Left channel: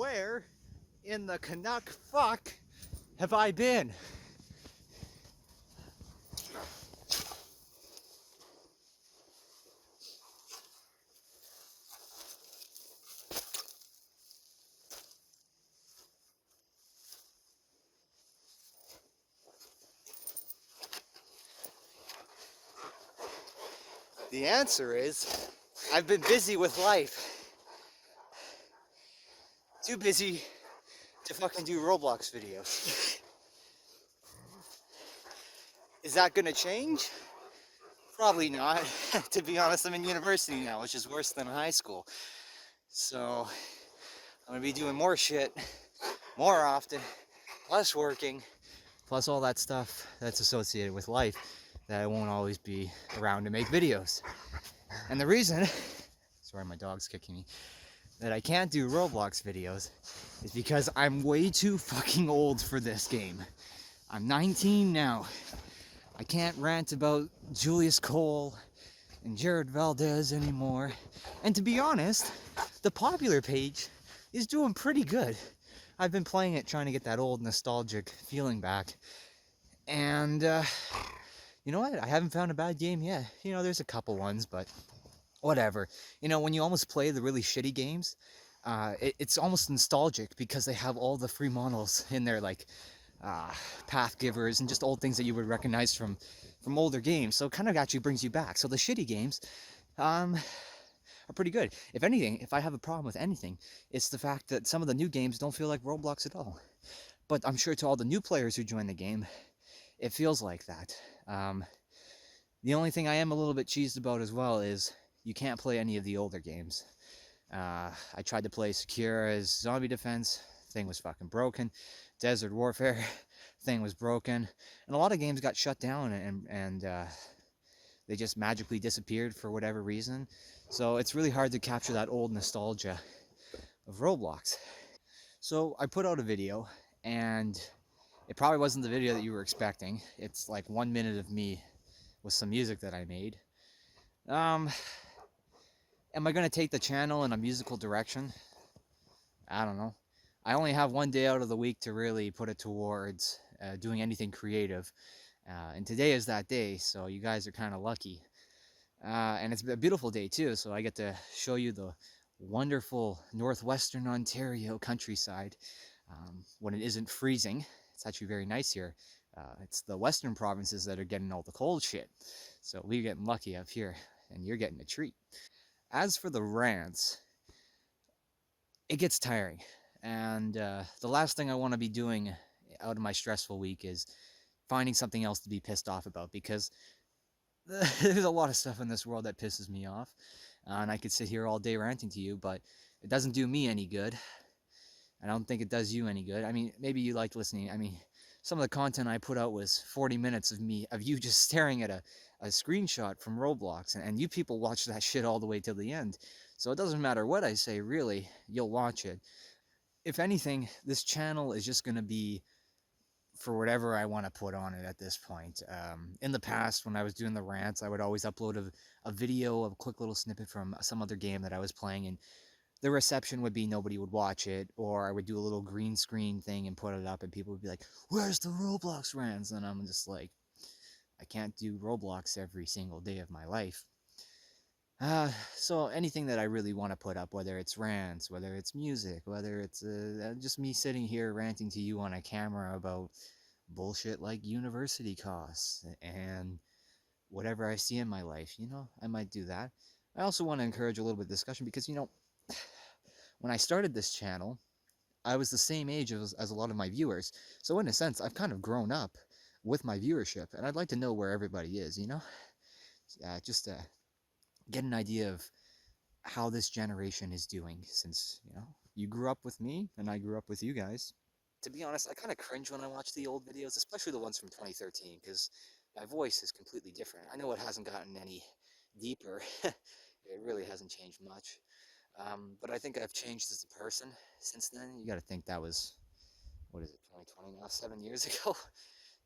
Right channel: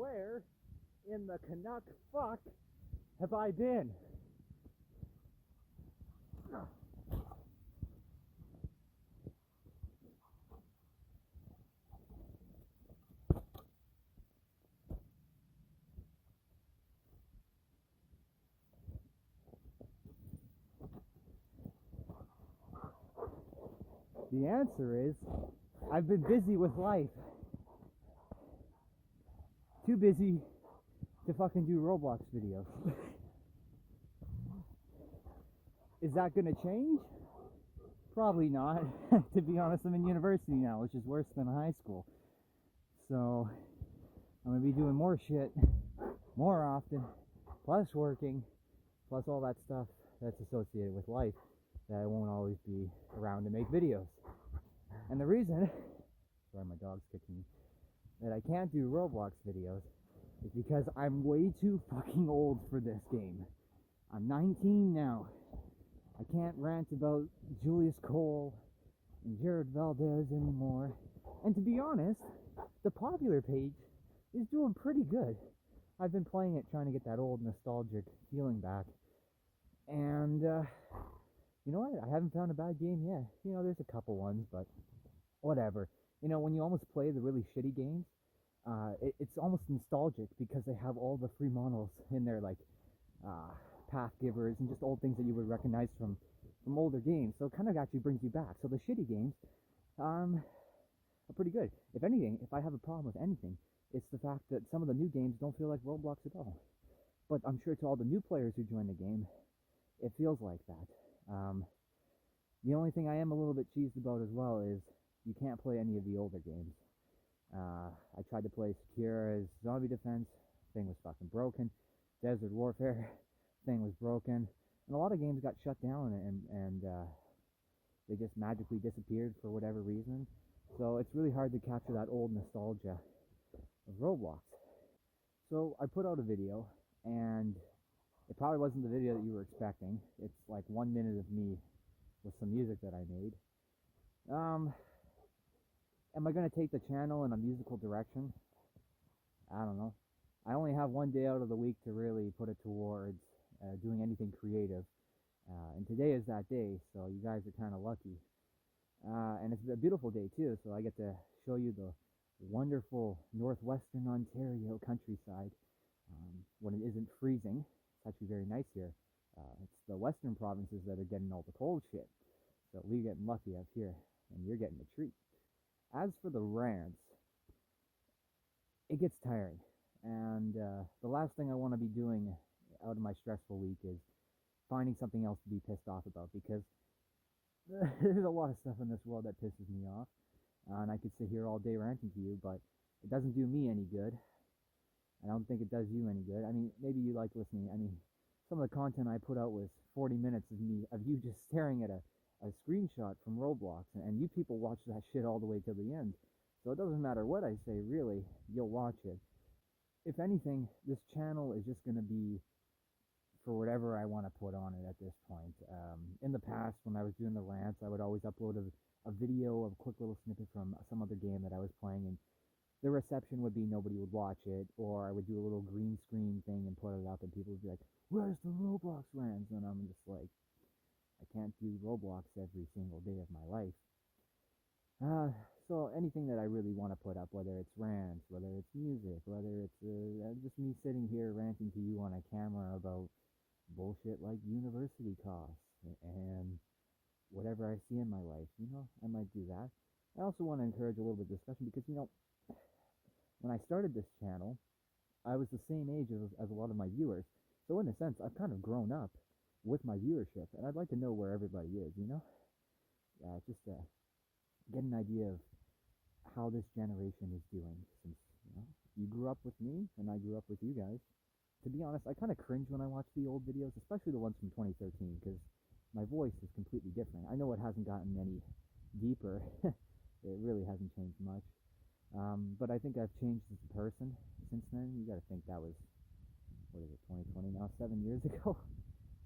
Where in the Canuck fuck have I been? The answer is, I've been busy with life. Too busy to fucking do Roblox videos. Is that gonna change? Probably not. To be honest, I'm in university now, which is worse than high school. So I'm gonna be doing more shit, more often, plus working, plus all that stuff that's associated with life that I won't always be around to make videos. And the reason, sorry my dog's kicking me, that I can't do Roblox videos is because I'm way too fucking old for this game. I'm 19 now. I can't rant about Julius Cole and Jared Valdez anymore. And to be honest, the popular page is doing pretty good. I've been playing it trying to get that old nostalgic feeling back. And you know what? I haven't found a bad game yet. You know, there's a couple ones, but whatever. You know, when you almost play the really shitty games, it's almost nostalgic because they have all the free models in there, like path givers and just old things that you would recognize from older games. So it kind of actually brings you back. So the shitty games are pretty good. If anything, if I have a problem with anything, it's the fact that some of the new games don't feel like Roblox at all. But I'm sure to all the new players who join the game, it feels like that. The only thing I am a little bit cheesed about as well is you can't play any of the older games. I tried to play Secura's Zombie Defense, thing was fucking broken. Desert Warfare, thing was broken. And a lot of games got shut down and they just magically disappeared for whatever reason. So it's really hard to capture that old nostalgia of Roblox. So I put out a video, and it probably wasn't the video that you were expecting. It's like 1 minute of me with some music that I made. Am I going to take the channel in a musical direction? I don't know. I only have one day out of the week to really put it towards doing anything creative. And today is that day, so you guys are kind of lucky. And it's a beautiful day too, so I get to show you the wonderful northwestern Ontario countryside when it isn't freezing. It's actually very nice here. It's the western provinces that are getting all the cold shit. So we're getting lucky up here, and you're getting a treat. As for the rants, it gets tiring. And the last thing I want to be doing out of my stressful week is finding something else to be pissed off about, because there's a lot of stuff in this world that pisses me off. And I could sit here all day ranting to you, but it doesn't do me any good. I don't think it does you any good. I mean, maybe you like listening. I mean, some of the content I put out was 40 minutes of you just staring at a screenshot from Roblox, and you people watch that shit all the way till the end. So it doesn't matter what I say, really, you'll watch it. If anything, this channel is just going to be for whatever I want to put on it at this point. In the past, when I was doing the rants, I would always upload a video, a quick little snippet from some other game that I was playing, and the reception would be nobody would watch it, or I would do a little green screen thing and put it up, and people would be like, where's the Roblox rants? And I'm just like, I can't do Roblox every single day of my life. So anything that I really want to put up, whether it's rants, whether it's music, whether it's just me sitting here ranting to you on a camera about bullshit like university costs and whatever I see in my life, you know, I might do that. I also want to encourage a little bit of discussion because, you know, when I started this channel, I was the same age as a lot of my viewers. So in a sense, I've kind of grown up with my viewership, and I'd like to know where everybody is, you know? Just get an idea of how this generation is doing, since, you know, you grew up with me and I grew up with you guys. To be honest, I kind of cringe when I watch the old videos, especially the ones from 2013, because my voice is completely different. I know it hasn't gotten any deeper. It really hasn't changed much. But I think I've changed as a person since then. You got to think that was, what is it, 2020 now? 7 years ago?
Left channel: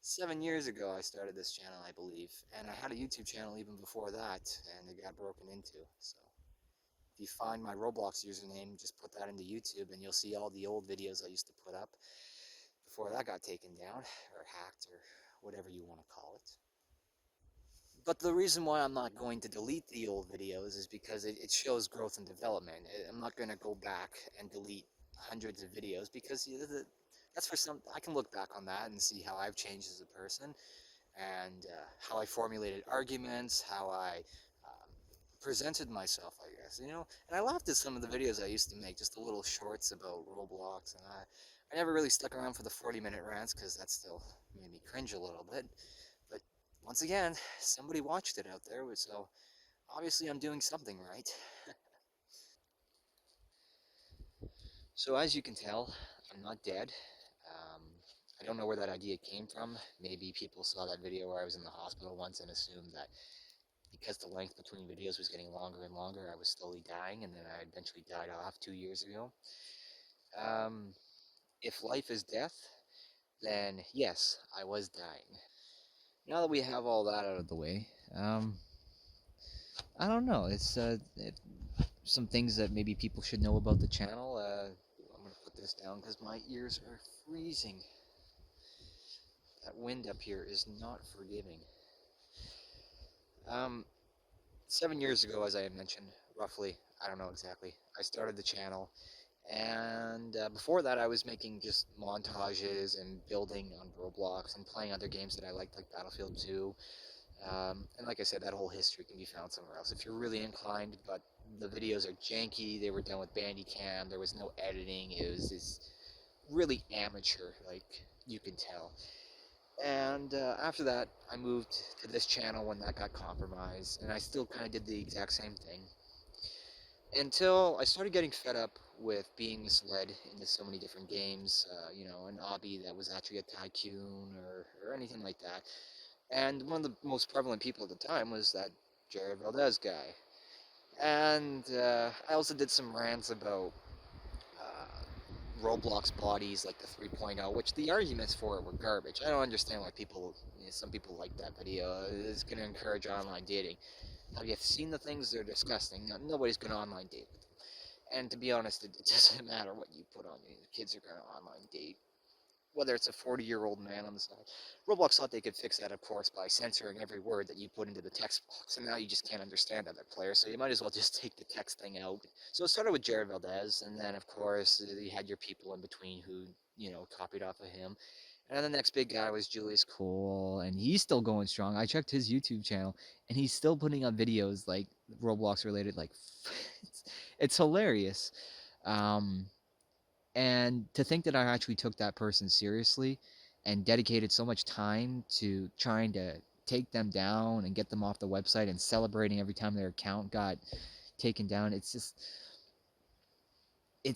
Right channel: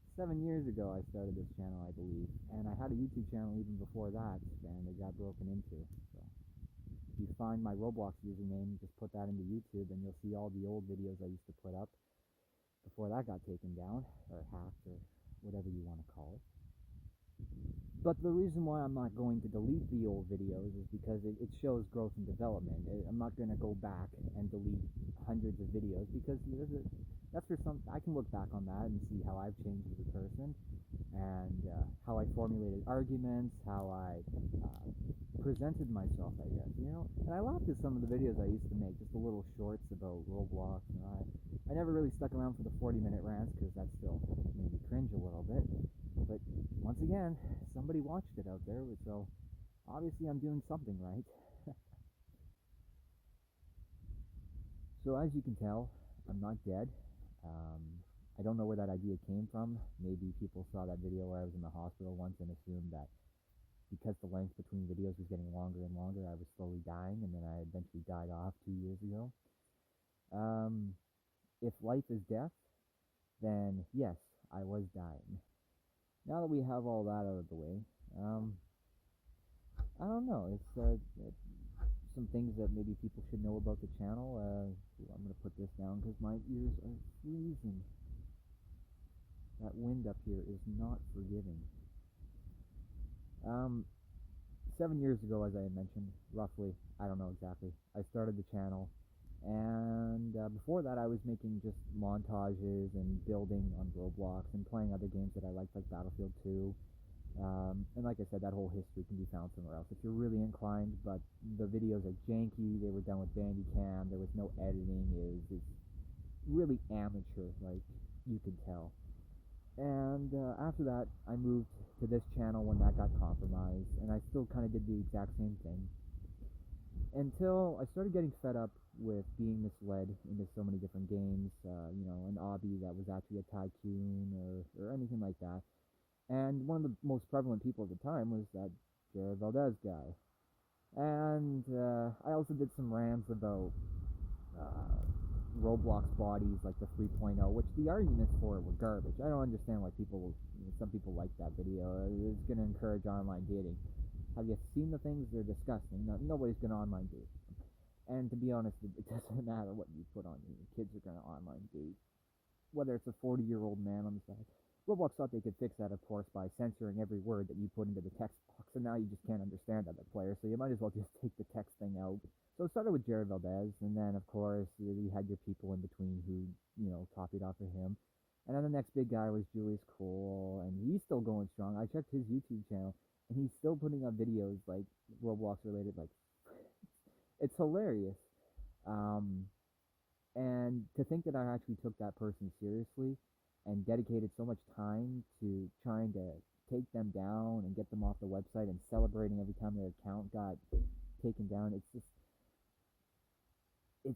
7 years ago I started this channel, I believe. And I had a YouTube channel even before that, and it got broken into, so If you find my Roblox username, just put that into YouTube and you'll see all the old videos I used to put up before that got taken down or hacked or whatever you want to call it. But the reason why I'm not going to delete the old videos is because it shows growth and development. I'm not going to go back and delete hundreds of videos because that's for some. I can look back on that and see how I've changed as a person and how I formulated arguments, how I presented myself, I guess, you know. And I laughed at some of the videos I used to make, just the little shorts about Roblox, and I never really stuck around for the 40-minute rants because that still made me cringe a little bit. But once again, somebody watched it out there, so obviously I'm doing something right. So as you can tell, I'm not dead. Um, I don't know where that idea came from. Maybe people saw that video where I was in the hospital once and assumed that because the length between videos was getting longer and longer, I was slowly dying, and then I eventually died off 2 years ago. Um, if life is death, then yes, I was dying. Now that we have all that out of the way, I don't know. Some things that maybe people should know about the channel. I'm gonna put this down because my ears are freezing. That wind up here is not forgiving. Um, 7 years ago, as I had mentioned, roughly, I don't know exactly, I started the channel. And before that, I was making just montages and building on Roblox and playing other games that I liked, like Battlefield 2. And like I said, that whole history can be found somewhere else if you're really inclined. But the videos are janky. They were done with Bandicam. There was no editing. It was this really amateur, like you can tell. And after that, I moved to this channel when that got compromised, and I still kind of did the exact same thing until I started getting fed up with being misled into so many different games. You know, an obby that was actually a tycoon or anything like that. And one of the most prevalent people at the time was that Jared Valdez guy. And I also did some rants about Roblox bodies like the 3.0, which the arguments for it were garbage. I don't understand why people, you know, some people like that video. It's going to encourage online dating. Have you seen the things? They're disgusting. No, nobody's going to online date with them. And to be honest, it doesn't matter what you put on. Kids are going to online date, whether it's a 40-year-old man on the side. Roblox thought they could fix that, of course, by censoring every word that you put into the text box, and now you just can't understand other players, so you might as well just take the text thing out. So it started with Jared Valdez, and then, of course, you had your people in between who, you know, copied off of him. And then the next big guy was Julius Cole, and he's still going strong. I checked his YouTube channel, and he's still putting up videos, like, Roblox related, like, it's hilarious. Um, and to think that I actually took that person seriously and dedicated so much time to trying to take them down and get them off the website and celebrating every time their account got taken down, it's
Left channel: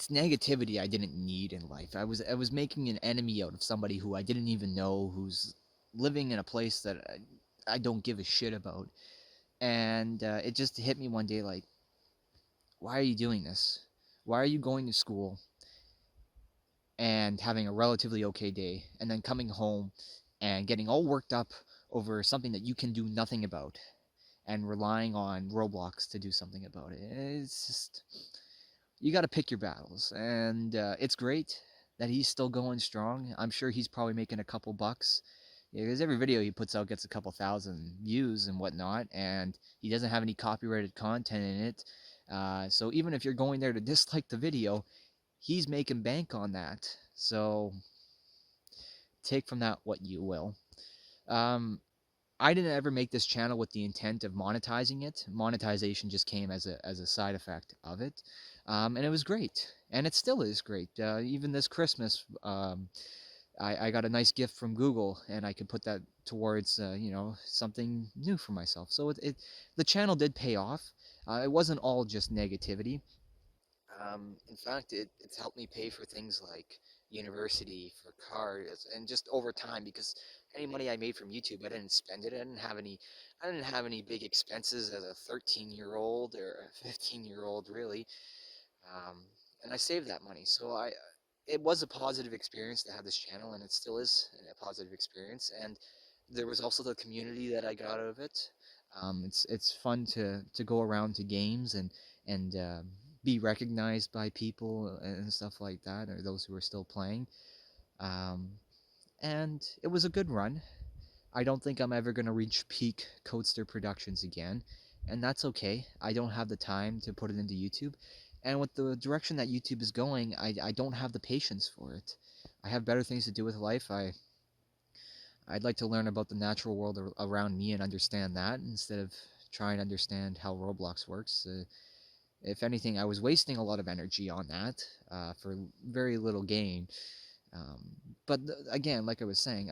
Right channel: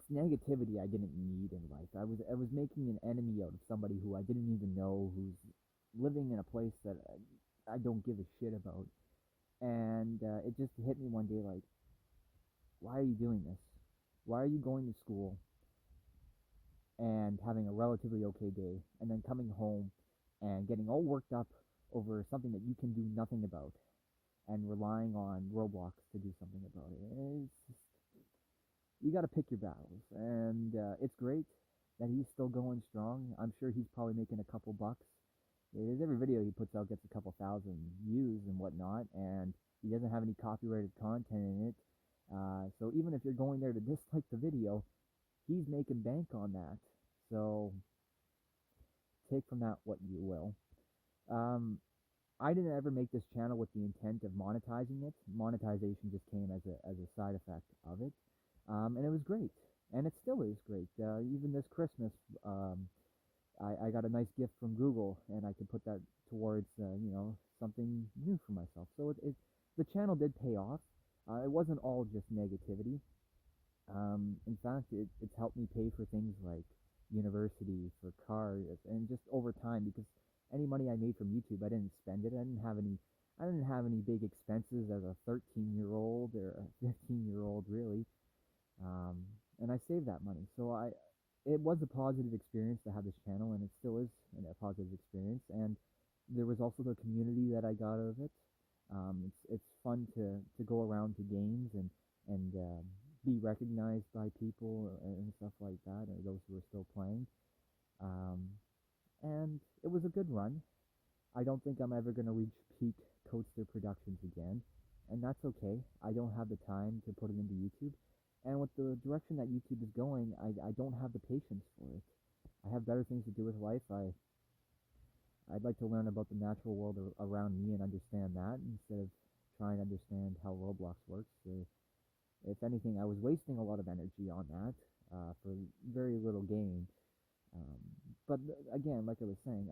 negativity I didn't need in life. I was making an enemy out of somebody who I didn't even know, who's living in a place that I don't give a shit about. And it just hit me one day like, why are you doing this? Why are you going to school and having a relatively okay day, and then coming home and getting all worked up over something that you can do nothing about and relying on Roblox to do something about it? It's just, you got to pick your battles. And it's great that he's still going strong. I'm sure he's probably making a couple bucks, because every video he puts out gets a couple thousand views and whatnot, and he doesn't have any copyrighted content in it. So even if you're going there to dislike the video, he's making bank on that. So take from that what you will. Um, I didn't ever make this channel with the intent of monetizing it. Monetization just came as a side effect of it, and it was great, and it still is great. Even this Christmas, I got a nice gift from Google, and I could put that towards you know, something new for myself. So the channel did pay off. It wasn't all just negativity. In fact, it's helped me pay for things like university, for cars, and just over time, because any money I made from YouTube, I didn't spend it. I didn't have any big expenses as a 13-year-old or a 15-year-old, really. Um, and I saved that money. So it was a positive experience to have this channel, and it still is a positive experience. And there was also the community that I got out of it. It's fun to go around to games and be recognized by people and stuff like that, or those who are still playing. Um, and it was a good run. I don't think I'm ever going to reach peak Codester Productions again, and that's okay. I don't have the time to put it into YouTube. And with the direction that YouTube is going, I don't have the patience for it. I have better things to do with life. I'd like to learn about the natural world around me and understand that instead of trying to understand how Roblox works. If anything, I was wasting a lot of energy on that for very little gain. Um, but again, like I was saying,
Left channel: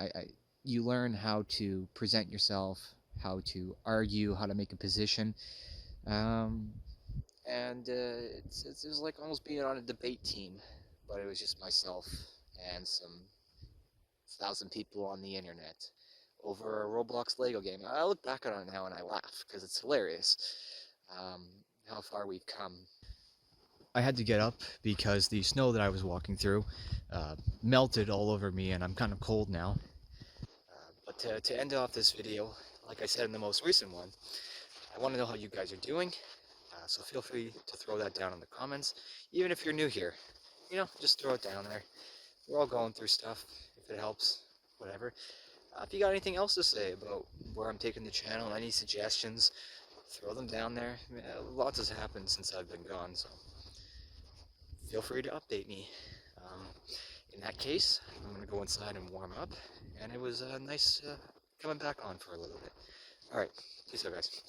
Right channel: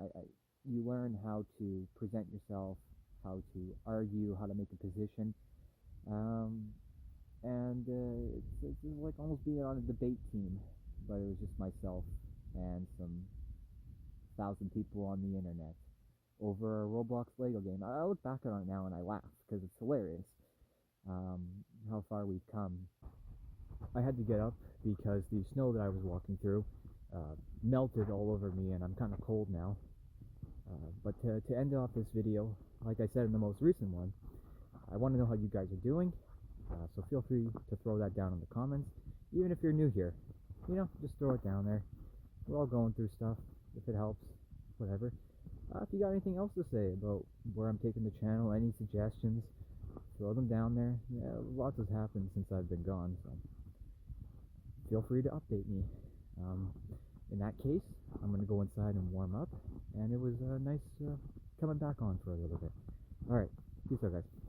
you learn how to present yourself, how to argue, how to make a position, um, and it was like almost being on a debate team, but it was just myself and some 1,000 people on the internet over a Roblox Lego game. I look back on it now and I laugh because it's hilarious um, how far we've come. I had to get up because the snow that I was walking through melted all over me, and I'm kind of cold now. But to end off this video, like I said in the most recent one, I want to know how you guys are doing. So feel free to throw that down in the comments. Even if you're new here, just throw it down there. We're all going through stuff. If it helps, whatever. If you got anything else to say about where I'm taking the channel, any suggestions, throw them down there. Yeah, lots has happened since I've been gone, so feel free to update me. In that case, I'm going to go inside and warm up, and it was nice coming back on for a little bit. Alright, peace out, guys.